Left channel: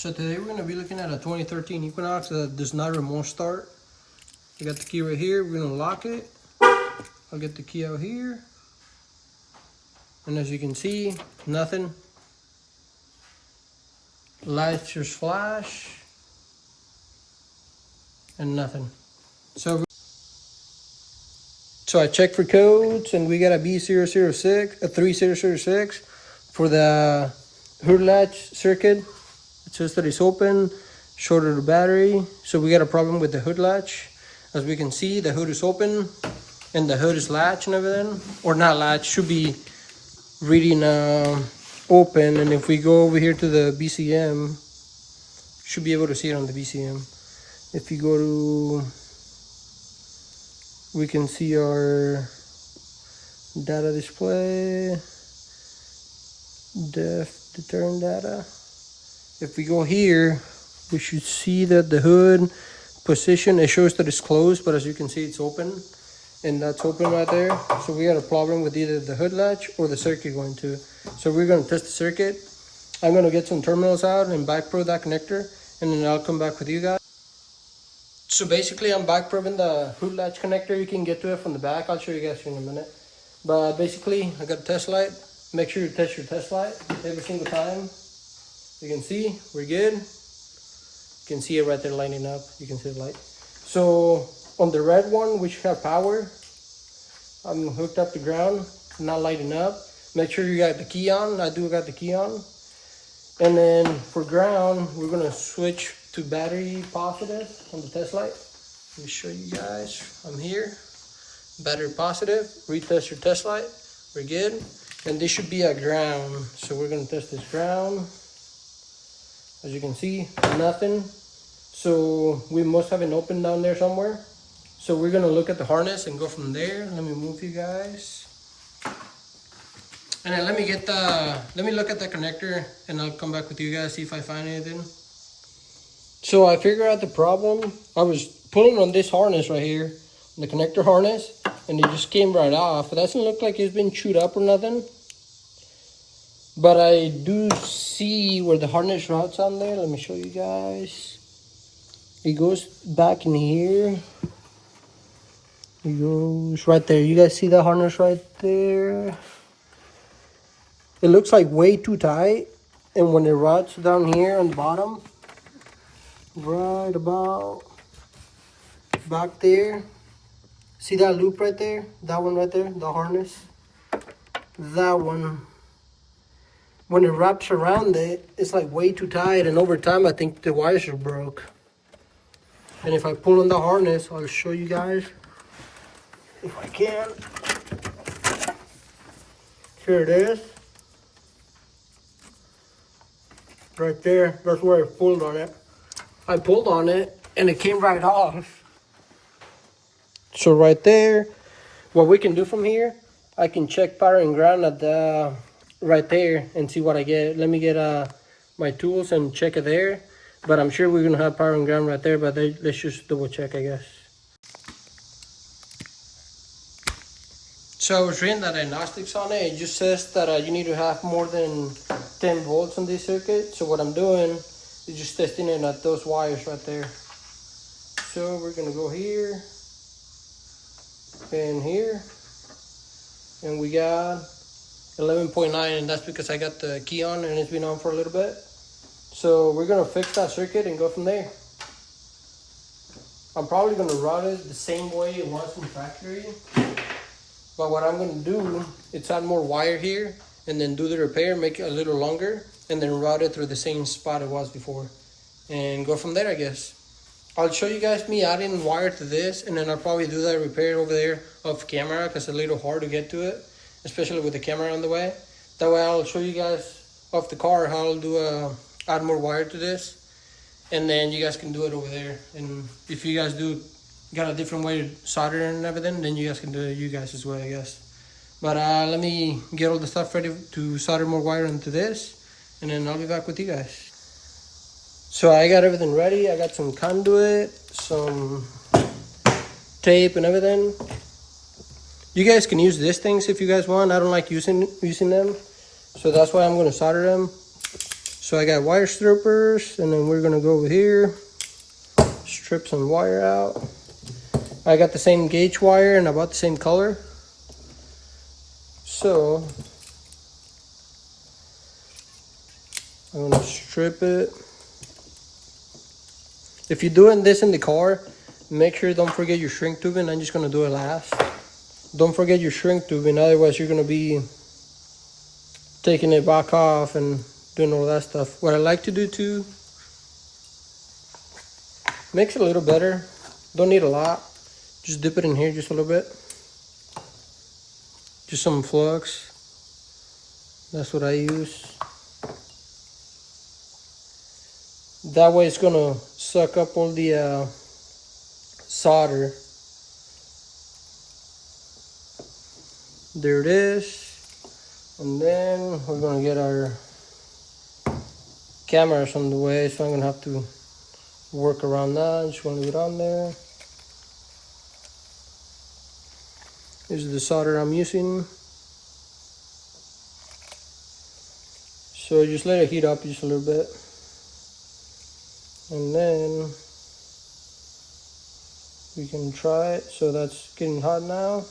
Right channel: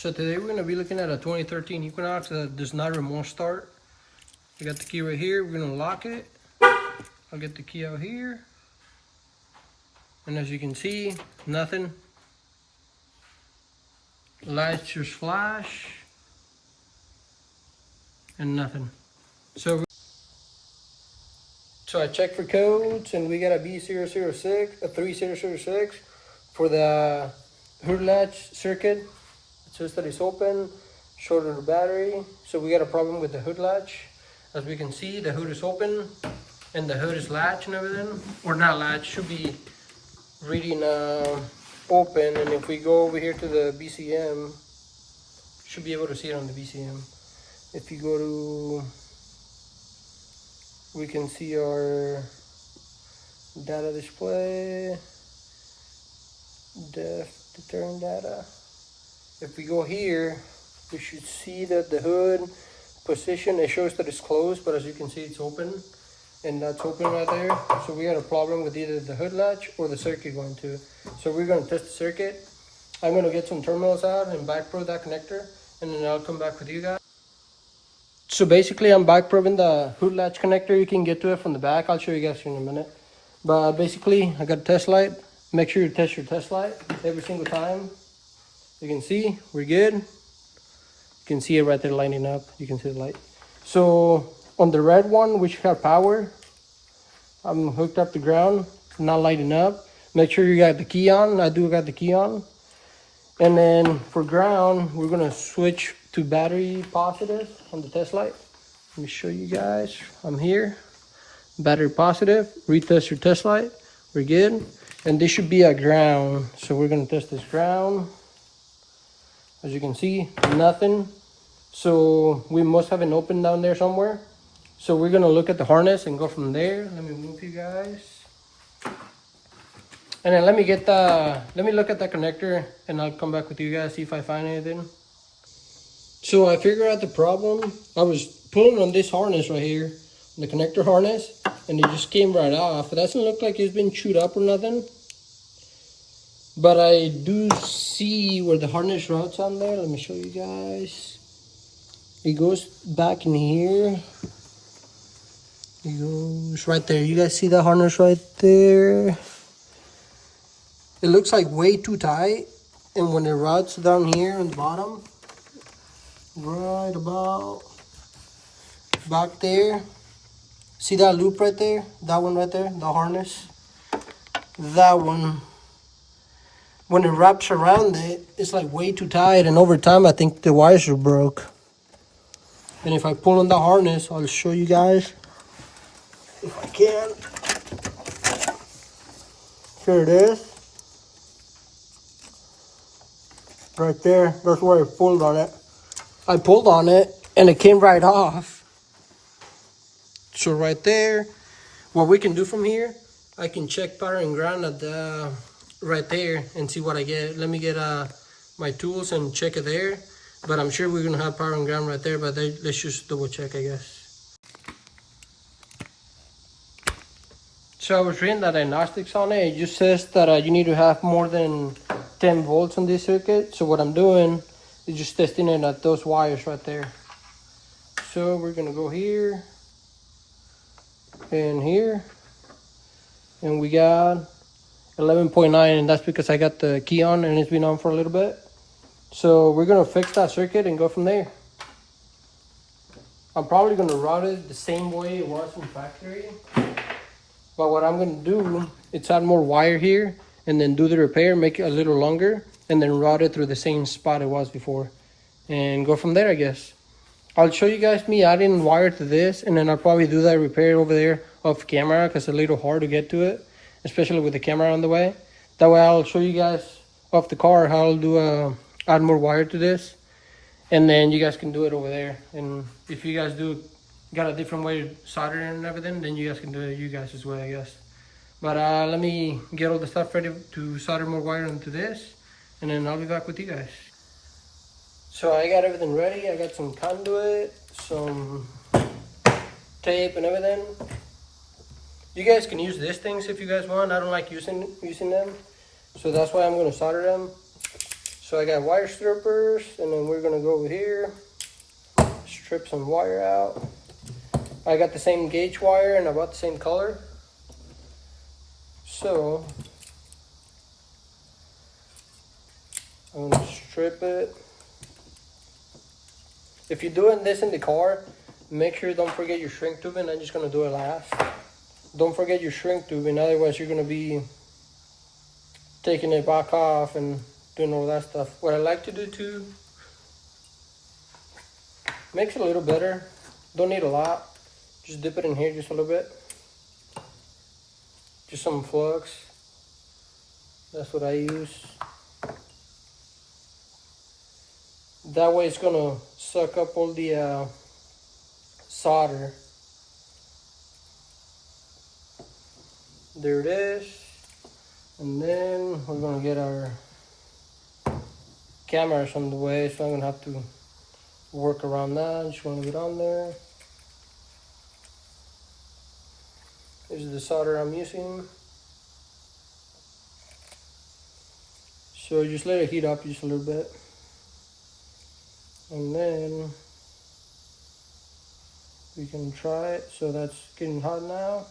So today we're going to be looking at a 2013 Equinox that does not remote start. I got the key right here. We're going to lock it. I'll get the key out here. And as you can see, nothing. Lights just flash. And nothing. So I checked for codes and we got a B3006, a 3006 for the hood latch circuit. It says that it's open, shorted the battery. So we got a problem with the hood latch. As we can see, the hood is open and the hood is latched and everything. Or not latched, should be reading open. And if we go over here to the BCM, should be able to see it on the BCM. If you go to, we can see our data display, def deterrent data. If we go here, we should see that the hood position, it shows that it's closed, but as you can see, it's open. And that's open right there. So we got a problem with either the hood latch or the circuit going to. So we're gonna test the circuit. I'm gonna get some terminals out and back probe that connector, and then I'll come back with you guys. So basically I'm back probing the hood latch connector. You can get to it from the back. I'll show you guys here in a minute. But basically I got a test light. Make sure you test your test light every single time. You can see we're good. You can see it right there lighting up. You can see the light. So on the red one, which have power, I'm hooked up to ground, not lighting up. Make sure you got the key on. I do got the key on. And then for ground, we're gonna switch to battery positive on the test light. Let me show you guys. I'm here. Battery positive. Retest your test light. We're good. And this should be a ground. So we're gonna test this ground. As you can see, nothing. So we must have an open down there somewhere. So we're gonna look at the harness and go from there. Let me move you guys. And then let me look at that connector and I'll come back with you guys, see if I find anything. So I figured out the problem. I was pulling on this harness right here, the connector harness, and it just came right off. It doesn't look like it's been chewed up or nothing. But I do see where the harness routes on there. Let me show you guys. It goes back in here. It goes right there. You guys see the harness right there? It looks like way too tight. And when it routes down here on the bottom, right about back there, see that loop right there? That one right there, the harness. That one, when it wraps around it, it's like way too tight, and over time I think the wires are broke. And if I pull on the harness, I'll show you guys if I can. Here it is. Right there, that's where I pulled on it. I pulled on it and it came right off. So right there, what we can do from here, I can check power and ground at the right there and see what I get. Let me get my tools and check it there. But I'm sure we're gonna have power and ground right there, but let's just double check, I guess. So I was reading the diagnostics on it. It just says that you need to have more than 10 volts on this circuit. So what I'm doing is just testing it at those wires right there. So we're gonna go here and here, and we got 11.9, and that's because I got the key on and it's been on for a little bit. So we're gonna fix that circuit and go from there. I'm probably gonna route it the same way it was from factory. But what I'm gonna do is add more wire here and then do the repair, make it a little longer, and then route it through the same spot it was before. And go from there, I guess. I'll show you guys me adding wire to this, and then I'll probably do that repair over there off camera because it's a little hard to get to it, especially with the camera on the way. That way I'll show you guys off the car how I'll do add more wire to this, and then you guys can do it over there. And if you guys got a different way to solder and everything, then you guys can do it you guys' way, I guess. But let me get all the stuff ready to solder more wire into this, and then I'll be back with you guys. So I got everything ready. I got some conduit, some tape and everything. You guys can use these things if you guys want. I don't like using them, so that's why I'm going to solder them. So I got wire strippers, and then we're gonna go over here, strip some wire out. I got the same gauge wire and about the same color. So I'm gonna strip it. If you're doing this in the car, make sure don't forget your shrink tubing. I'm just gonna do it last. Don't forget your shrink tubing, otherwise you're gonna be taking it back off and doing all that stuff. What I like to do too, makes it a little better. Don't need a lot. Just dip it in here just a little bit. Just some flux. That's what I use. That way it's gonna suck up all the solder. There it is. And then we're gonna get our cameras on the way, so I'm gonna have to work around that. Just gonna leave it on there. This is the solder I'm using. So just let it heat up just a little bit. And then we can try it. So that's getting hot now.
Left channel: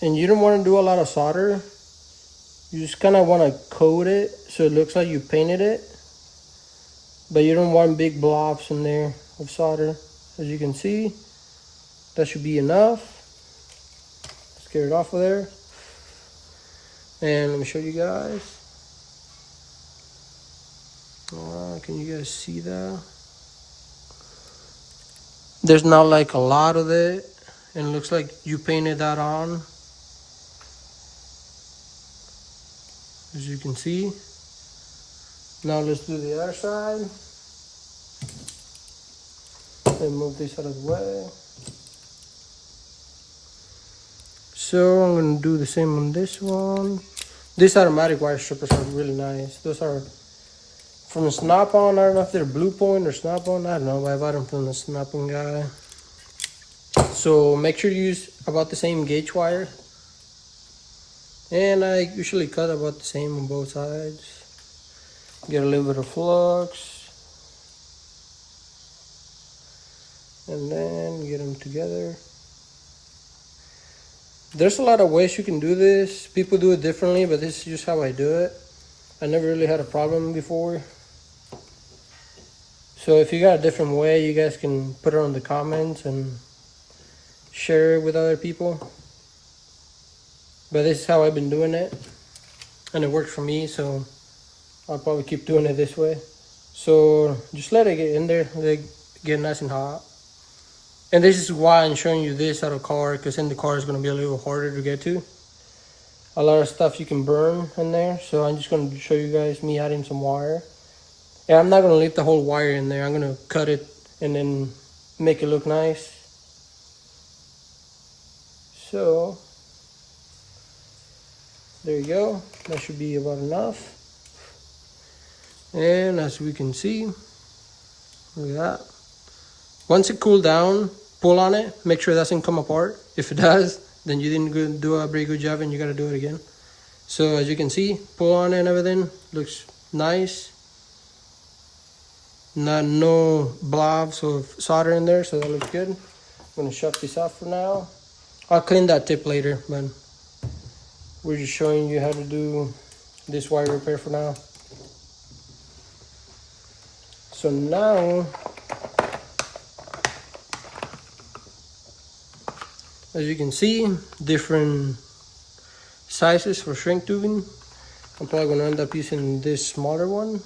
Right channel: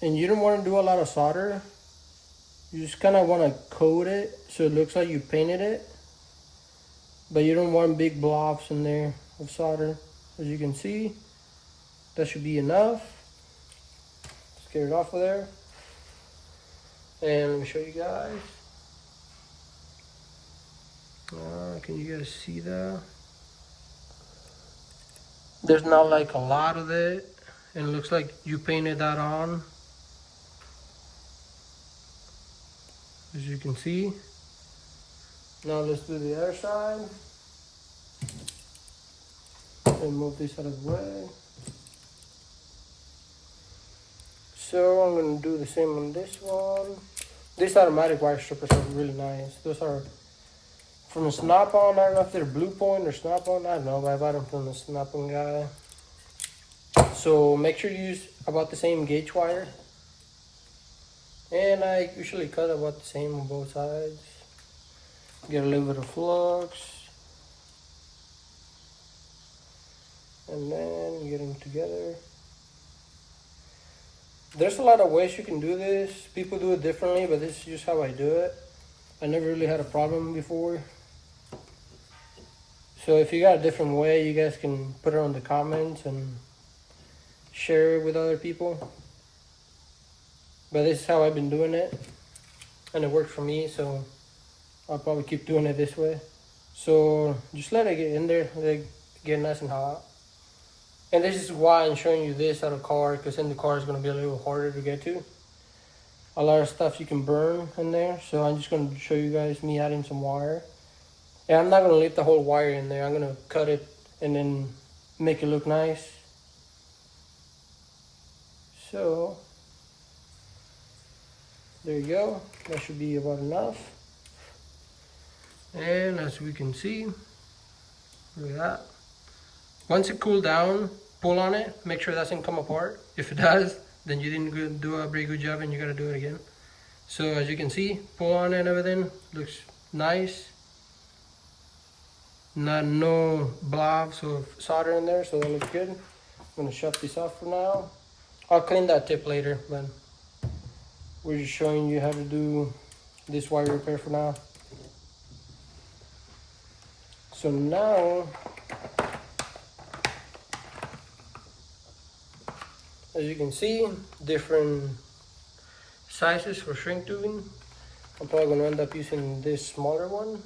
And you don't want to do a lot of solder. You just kind of want to coat it so it looks like you painted it. But you don't want big blobs in there of solder. As you can see, that should be enough. Let's get it off of there. And let me show you guys. Can you guys see that? There's not like a lot of it. And it looks like you painted that on. As you can see. Now let's do the other side. And move this out of the way. So I'm gonna do the same on this one. These automatic wire strippers are really nice. Those are from Snap-on. I don't know if they're Blue Point or Snap-on. I don't know. I bought them from the Snap-on guy. So make sure you use about the same gauge wire. And I usually cut about the same on both sides. Get a little bit of flux. And then get them together. There's a lot of ways you can do this. People do it differently, but this is just how I do it. I never really had a problem before. So if you got a different way, you guys can put it on the comments and share it with other people. But this is how I've been doing it. And it works for me, so I'll probably keep doing it this way. So just let it get in there, let it get nice and hot. And this is why I'm showing you this out of car, because in the car is going to be a little harder to get to. A lot of stuff you can burn in there, so I'm just going to show you guys me adding some wire. And I'm not going to leave the whole wire in there. I'm going to cut it and then make it look nice. So there you go. That should be about enough. And as we can see, look at that. Once it cools down, pull on it, make sure it doesn't come apart. If it does, then you didn't do a very good job and you gotta do it again. So as you can see, pull on it and everything, looks nice. No blobs of solder in there, so that looks good. I'm gonna shut this off for now. I'll clean that tip later, but we're just showing you how to do this wire repair for now. So now, as you can see, different sizes for shrink tubing. I'm probably gonna end up using this smaller one.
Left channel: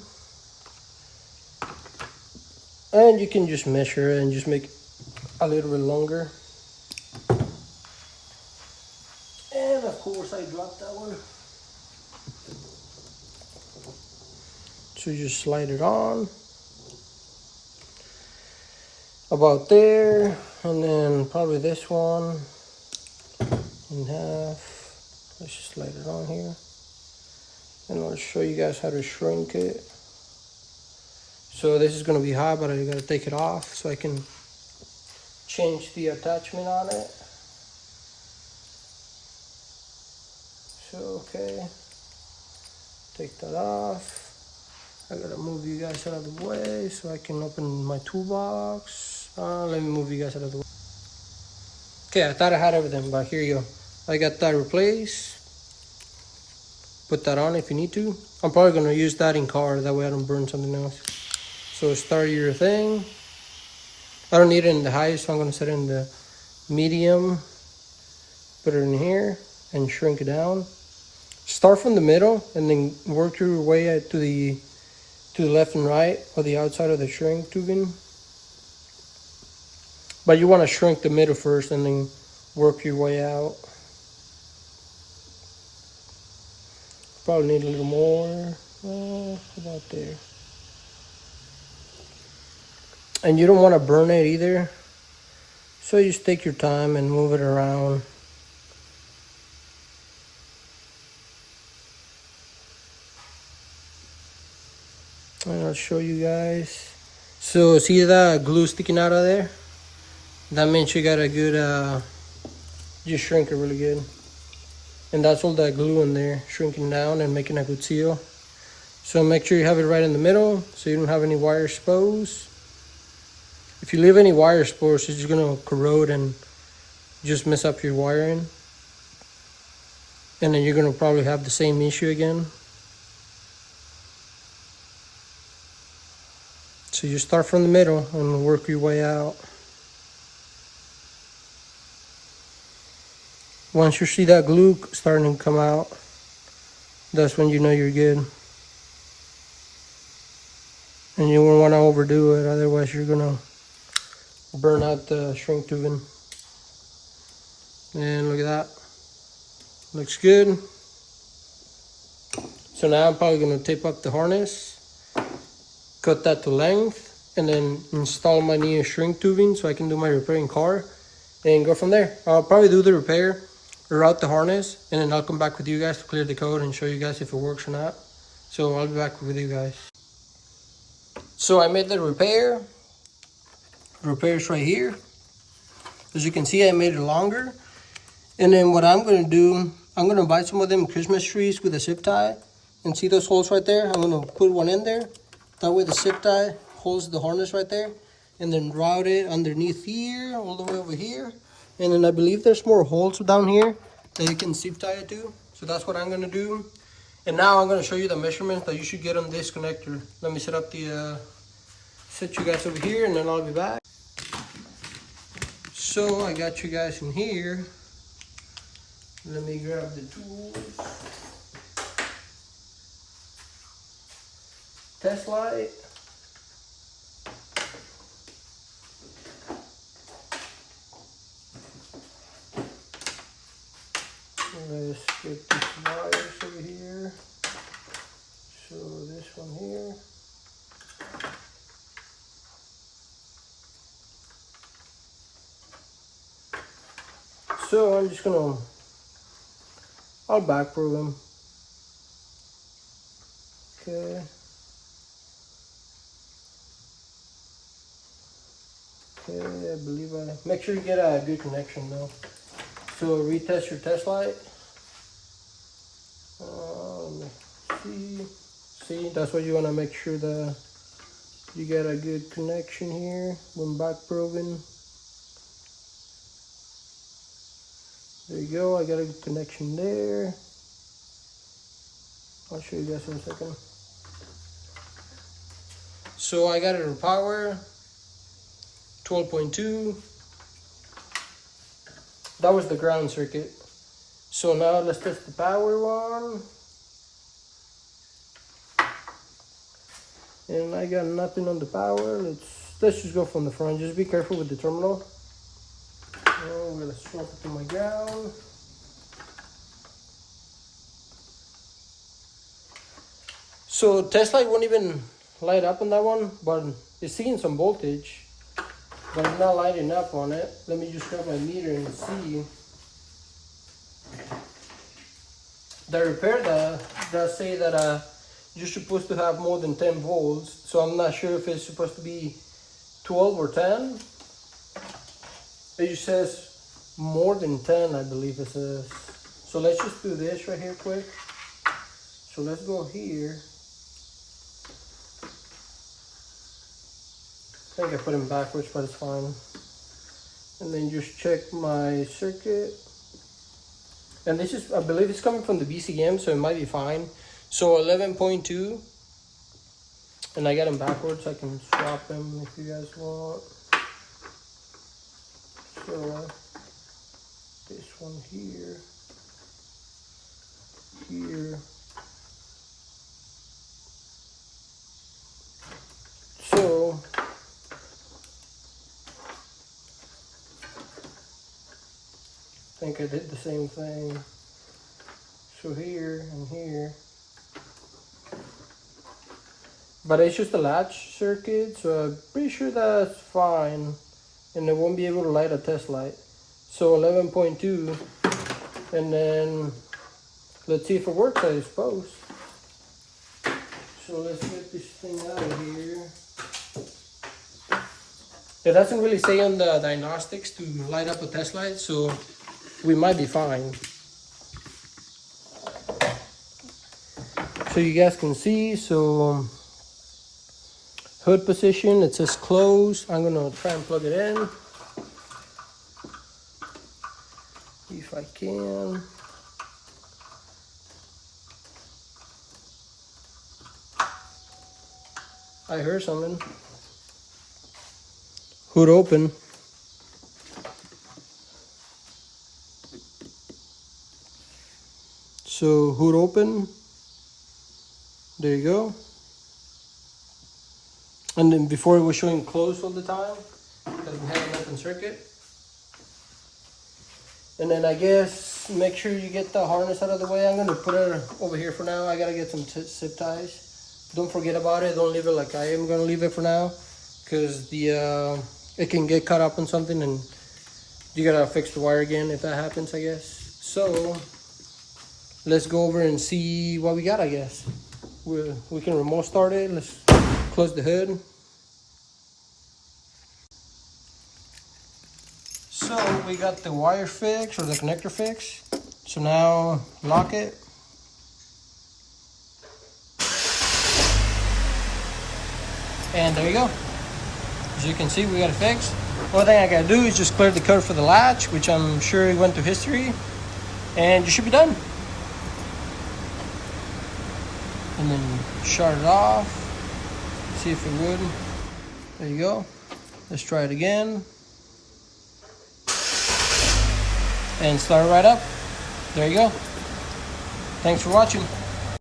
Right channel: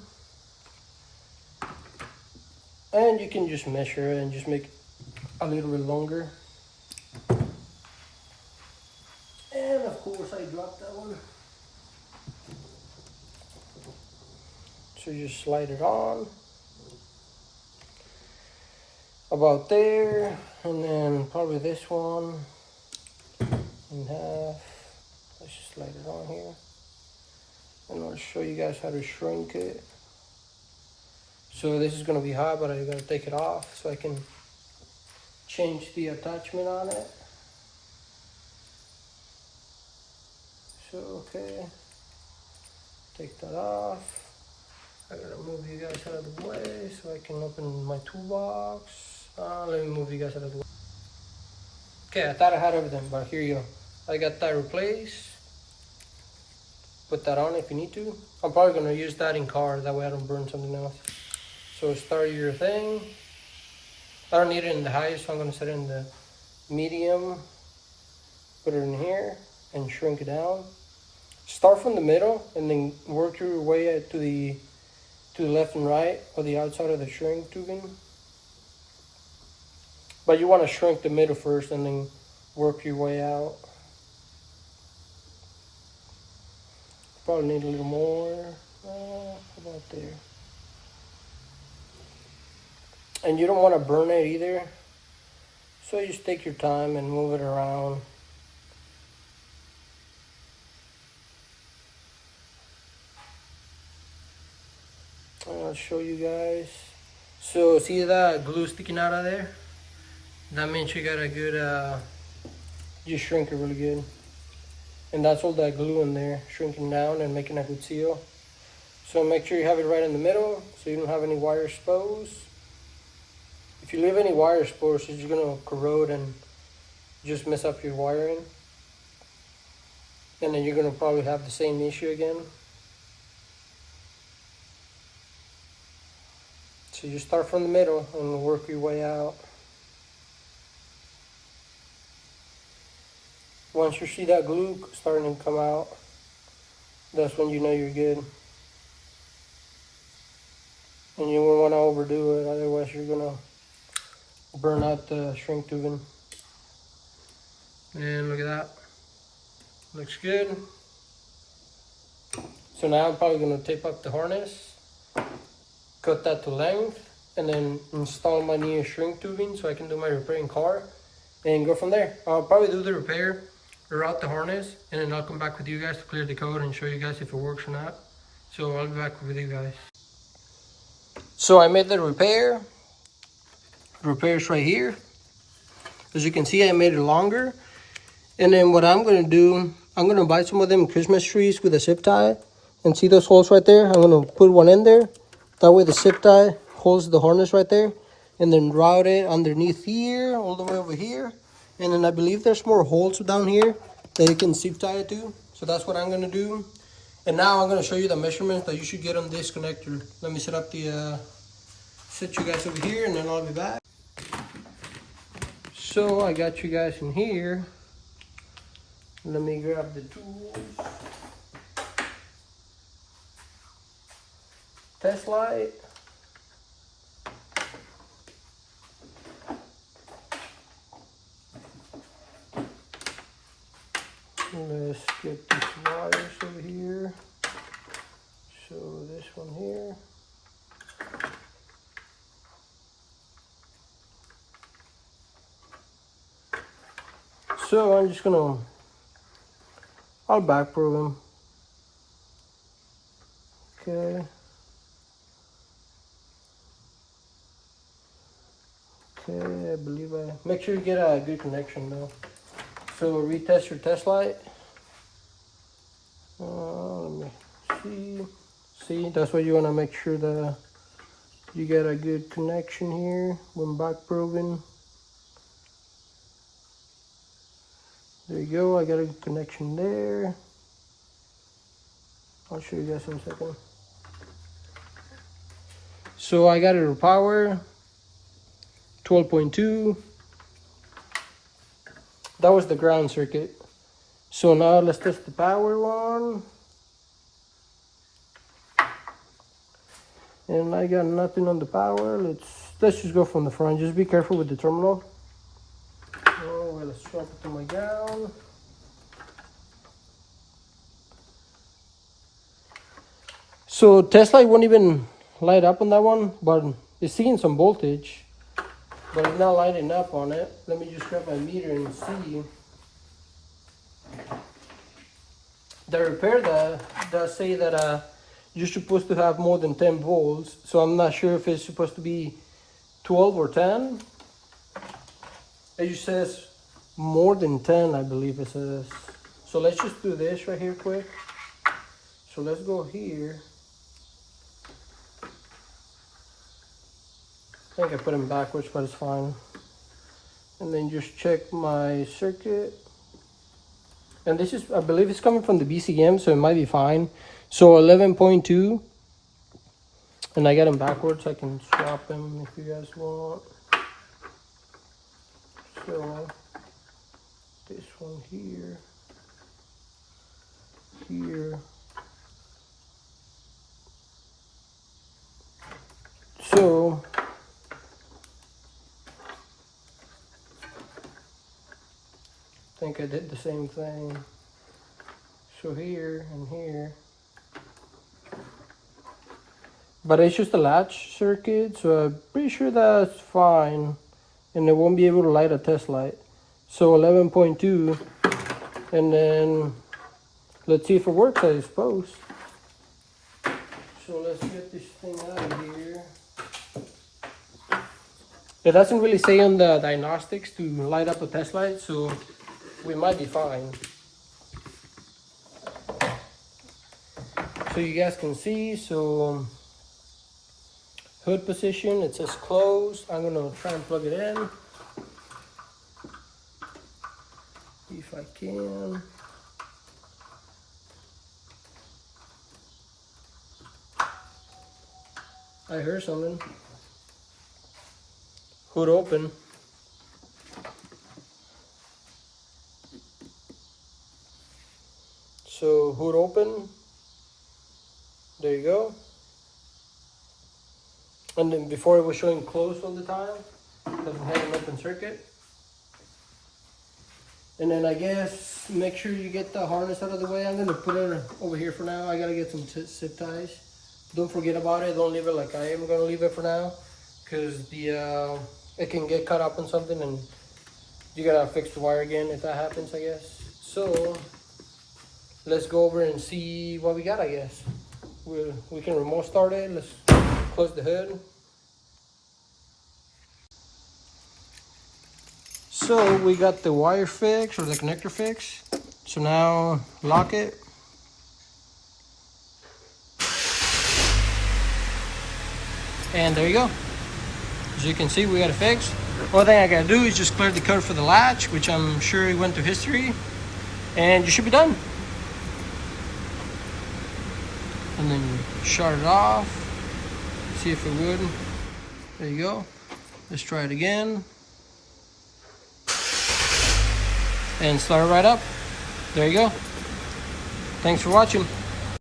And you can just measure it and just make it a little bit longer. And of course I dropped that one. So just slide it on. About there, and then probably this one in half. Let's just slide it on here. And I'll show you guys how to shrink it. So this is gonna be hot, but I gotta take it off so I can change the attachment on it. So, okay. Take that off. I gotta move you guys out of the way so I can open my toolbox. Let me move you guys out of the way. Okay, I thought I had everything, but here you go. I got that replaced. Put that on if you need to. I'm probably gonna use that in car, that way I don't burn something else. So start your thing. I don't need it in the high, so I'm gonna set it in the medium. Put it in here and shrink it down. Start from the middle and then work your way to the left and right or the outside of the shrink tubing. But you want to shrink the middle first and then work your way out. Probably need a little more. About there. And you don't want to burn it either. So you just take your time and move it around. And I'll show you guys. So see that glue sticking out of there? That means you got a good, just shrink it really good. And that's all that glue in there, shrinking down and making a good seal. So make sure you have it right in the middle so you don't have any wire exposed. If you leave any wire exposed, it's just gonna corrode and just mess up your wiring. And then you're gonna probably have the same issue again. So you start from the middle and work your way out. Once you see that glue starting to come out, that's when you know you're good. And you won't want to overdo it, otherwise you're gonna burn out the shrink tubing. And look at that, looks good. So now I'm probably gonna tape up the harness, cut that to length, and then install my new shrink tubing so I can do my repair in car and go from there. I'll probably do the repair, route the harness, and then I'll come back with you guys to clear the code and show you guys if it works or not. So I'll be back with you guys. So I made the repair. The repair's right here. As you can see, I made it longer. And then what I'm gonna do, I'm gonna buy some of them Christmas trees with a zip tie. And see those holes right there? I'm gonna put one in there. That way the zip tie holds the harness right there. And then route it underneath here, all the way over here. And then I believe there's more holes down here that you can zip tie it to. So that's what I'm gonna do. And now I'm gonna show you the measurements that you should get on this connector. Let me set up the, set you guys over here and then I'll be back. So I got you guys in here. Let me grab the tools. Test light. Let's get these wires over here. So this one here. So I'm just gonna, I'll back program. Okay. Okay, I believe make sure you get a good connection though. So retest your test light. Let me see, that's what you want to make sure that you get a good connection here when back probing. There you go, I got a good connection there. I'll show you guys in a second. So I got it to power 12.2. That was the ground circuit. So now let's test the power one. And I got nothing on the power. Let's just go from the front. Just be careful with the terminal. Oh, well, let's swap it to my gown. So test light won't even light up on that one, but it's seeing some voltage, but it's not lighting up on it. Let me just grab my meter and see. The repair does say that you're supposed to have more than 10 volts, so I'm not sure if it's supposed to be 12 or 10. It just says more than 10, I believe it says. So let's just do this right here quick. So let's go here. I think I put him backwards, but it's fine. And then just check my circuit. And this is, I believe it's coming from the BCM, so it might be fine. So 11.2. And I got them backwards. I can swap them if you guys want. So this one here. Here. So I think I did the same thing. So here and here. But it's just a latch circuit, so I'm pretty sure that's fine. And it won't be able to light a test light. So 11.2. And then let's see if it works, I suppose. So let's get this thing out of here. It doesn't really say on the diagnostics to light up a test light, so we might be fine. So you guys can see, so hood position, it says closed. I'm gonna try and plug it in. If I can. I heard something. Hood open. So hood open. There you go. And then before it was showing closed all the time, because we had an open circuit. And then I guess make sure you get the harness out of the way. I'm gonna put it over here for now. I gotta get some zip ties. Don't forget about it. Don't leave it like I am gonna leave it for now, because the it can get caught up on something and you gotta fix the wire again if that happens, I guess. So let's go over and see what we got, I guess. We can remote start it. Let's close the hood. So we got the wire fixed, or the connector fixed. So now lock it. And there you go. As you can see, we got it fixed. One thing I gotta do is just clear the code for the latch, which I'm sure went to history. And you should be done. And then shut it off. See if it would. There you go. Let's try it again. And start it right up. There you go. Thanks for watching.